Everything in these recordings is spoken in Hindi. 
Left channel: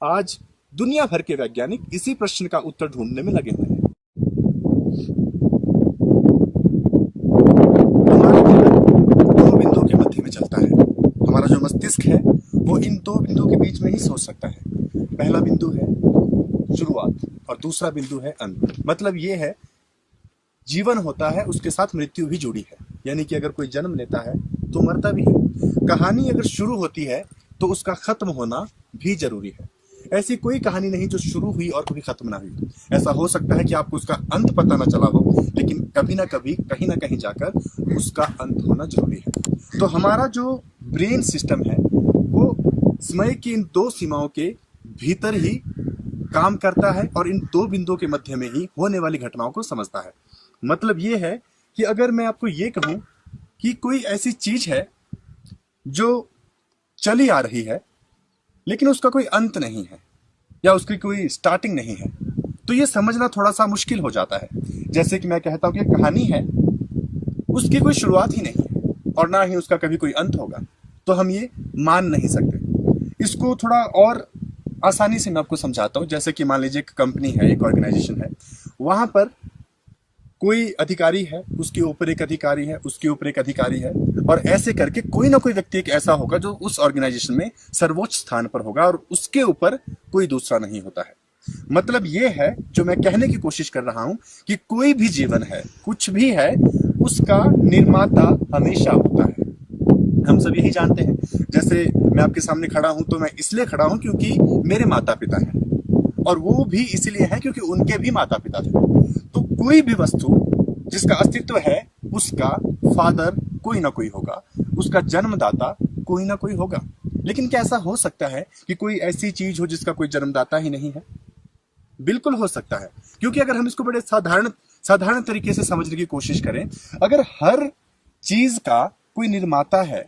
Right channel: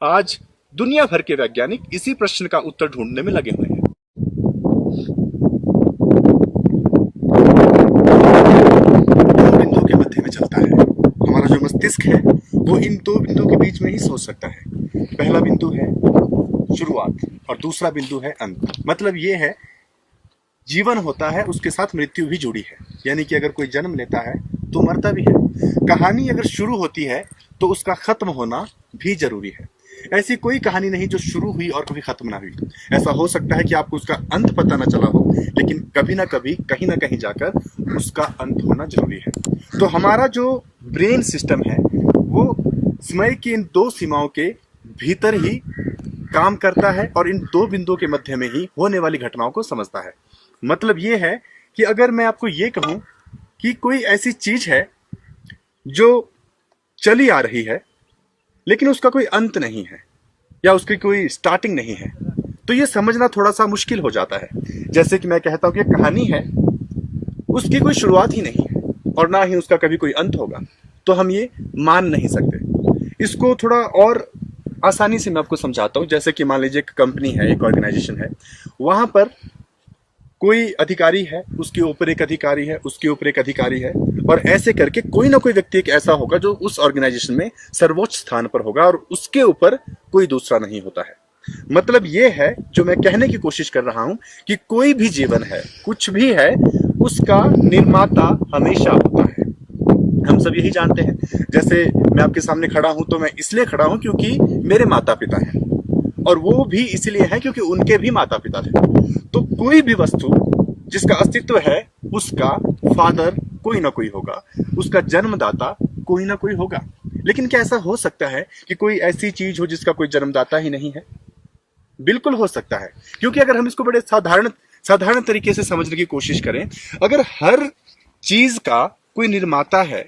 आज दुनिया भर के वैज्ञानिक इसी प्रश्न का उत्तर ढूंढने में लगे हुए हैं। दो बिंदुओं के मध्य में चलता है। हमारा जो मस्तिष्क है वो इन दो बिंदुओं के बीच में ही सोच सकता है। पहला बिंदु है शुरुआत और दूसरा बिंदु है अंत। मतलब ये है, जीवन होता है उसके साथ मृत्यु भी जुड़ी है, यानी कि अगर कोई जन्म लेता है तो मरता भी है। कहानी अगर शुरू होती है तो उसका खत्म होना भी जरूरी है। ऐसी कोई कहानी नहीं जो शुरू हुई और कभी खत्म ना हुई। ऐसा हो सकता है कि आपको उसका अंत पता ना चला हो, लेकिन कभी ना कभी कहीं ना कहीं जाकर उसका अंत होना जरूरी है। तो हमारा जो ब्रेन सिस्टम है वो समय की इन दो सीमाओं के भीतर ही काम करता है और इन दो बिंदुओं के मध्य में ही होने वाली घटनाओं को समझता है। मतलब ये है कि अगर मैं आपको ये कहूं कि कोई ऐसी चीज है जो चली आ रही है लेकिन उसका कोई अंत नहीं है या उसकी कोई स्टार्टिंग नहीं है, तो ये समझना थोड़ा सा मुश्किल हो जाता है। जैसे कि मैं कहता हूं कि एक कहानी है, उसकी कोई शुरुआत ही नहीं है और ना ही उसका कभी कोई अंत होगा, तो हम ये मान नहीं सकते। इसको थोड़ा और आसानी से मैं आपको समझाता हूं। जैसे कि मान लीजिए एक कंपनी है, एक ऑर्गेनाइजेशन है, वहां पर कोई अधिकारी है, उसके ऊपर एक अधिकारी है, उसके ऊपर एक अधिकारी है, और ऐसे करके कोई ना कोई व्यक्ति एक ऐसा होगा जो उस ऑर्गेनाइजेशन में सर्वोच्च स्थान पर होगा और उसके ऊपर कोई दूसरा नहीं होता है। मतलब ये है, जो मैं कहने की कोशिश कर रहा हूं कि कोई भी जीवन है, कुछ भी है, उसका निर्माता हमेशा होता है। हम सब यही जानते हैं। जैसे मैं आपके सामने खड़ा हूं तो मैं इसलिए खड़ा हूं क्योंकि मेरे माता पिता हैं, और वो भी इसलिए है क्योंकि उनके भी माता पिता थे। तो कोई भी वस्तु जिसका अस्तित्व है उसका फादर कोई ना कोई होगा, उसका जन्मदाता कोई ना कोई होगा। लेकिन क्या ऐसा हो सकता है कि कोई ऐसी चीज हो जिसका कोई जन्मदाता ही नहीं है? बिल्कुल हो सकता है, क्योंकि अगर हम इसको बड़े साधारण तरीके से समझने की कोशिश करें, अगर हर चीज का कोई निर्माता है,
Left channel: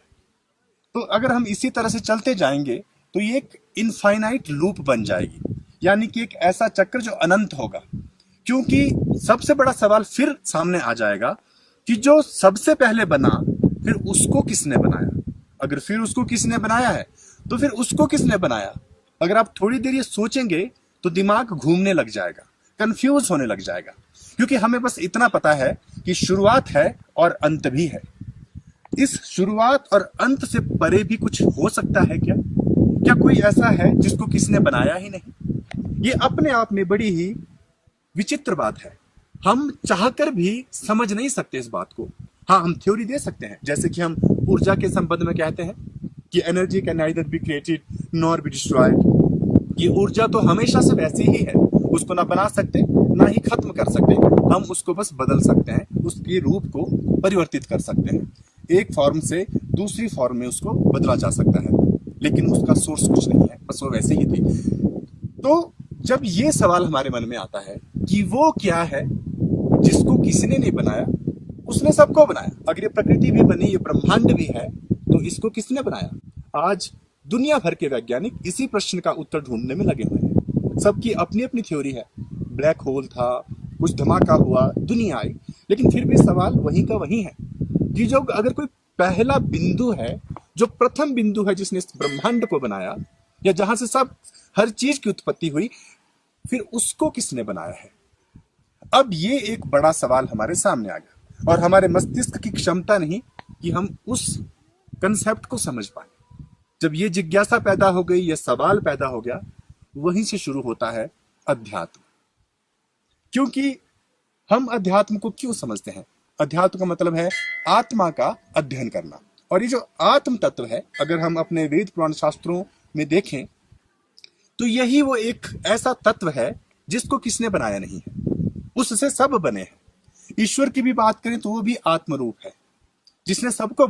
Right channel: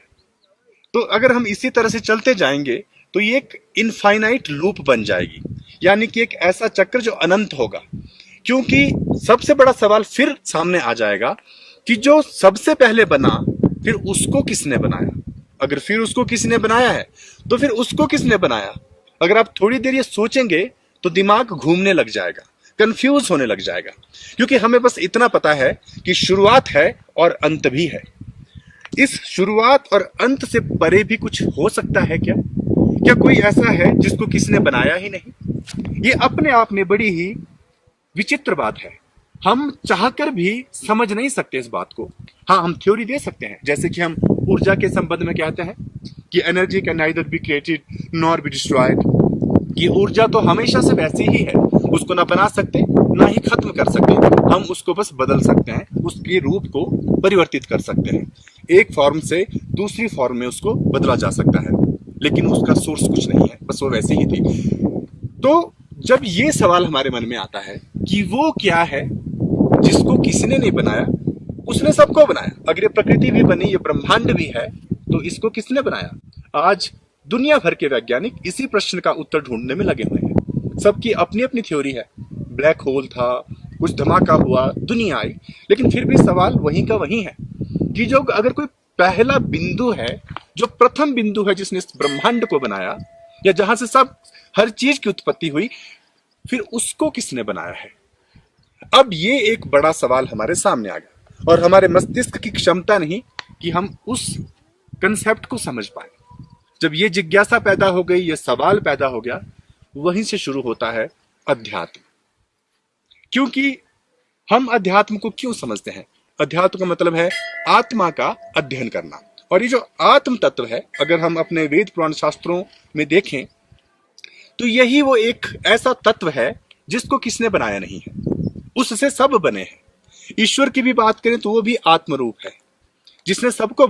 तो अगर हम इसी तरह से चलते जाएंगे तो ये एक इनफाइनाइट लूप बन जाएगी, यानी कि एक ऐसा चक्र जो अनंत होगा। क्योंकि सबसे बड़ा सवाल फिर सामने आ जाएगा कि जो सबसे पहले बना, फिर उसको किसने बनाया? अगर फिर उसको किसने बनाया है तो फिर उसको किसने बनाया? अगर आप थोड़ी देर ये सोचेंगे तो दिमाग घूमने लग जाएगा, कंफ्यूज होने लग जाएगा, क्योंकि हमें बस इतना पता है कि शुरुआत है और अंत भी है। इस शुरुआत और अंत से परे भी कुछ हो सकता है क्या? क्या कोई ऐसा है जिसको किसने बनाया ही नहीं? ये अपने आप में बड़ी ही विचित्र बात है। हम चाहकर भी समझ नहीं सकते इस बात को। हाँ, हम थ्योरी दे सकते हैं, जैसे कि हम ऊर्जा के संबंध में कहते हैं कि energy can neither be created nor be destroyed. कि ऊर्जा तो हमेशा से वैसी ही है, उसको ना बना सकते ना ही खत्म कर सकते, हम उसको बस बदल सकते हैं, उसके रूप को परिवर्तित कर सकते हैं, एक फॉर्म से दूसरी फॉर्म में उसको बदला जा सकता है, लेकिन उसका सोर्स कुछ नहीं है, बस वो वैसे ही थी। तो जब ये सवाल हमारे मन में आता है कि वो क्या है जिसको किसी ने नहीं बनाया, उसने सबको बनाया। अगर ये प्रकृति भी बनी, ये ब्रह्मांड भी है, तो इसको किसने बनाया? आज दुनिया भर के वैज्ञानिक इसी प्रश्न का उत्तर ढूंढने में लगे हुए हैं। सबकी अपनी अपनी थ्योरी है। ब्लैक होल था, कुछ धमाका हुआ, दुनिया आई, लेकिन फिर भी सवाल वहीं का वहीं है कि जो अगर कोई पहला बिंदु है, जो प्रथम बिंदु है जिसने इस ब्रह्मांड को बनाया, या जहां से सब हर चीज की उत्पत्ति हुई, फिर उसको किसने बनाया है? अब ये एक बड़ा सवाल हमारे सामने आ गया, और हमारे मस्तिष्क की क्षमता नहीं कि हम उस कंसेप्ट को समझ पाए। जब ये जिज्ञासा पैदा हो गई, ये सवाल पैदा हो गया, वहीं से शुरू होता है अध्यात्म। क्योंकि हम अध्यात्म को क्यों समझते हैं? अध्यात्म का मतलब है आत्मा का अध्ययन करना। और ये जो आत्म तत्व है, अगर हम अपने वेद पुराण शास्त्रों में देखें तो यही वो एक ऐसा तत्व है जिसको किसने बनाया नहीं है, उससे सब बने हैं। ईश्वर की भी बात करें तो वो भी आत्म रूप है जिसने सबको बनाया।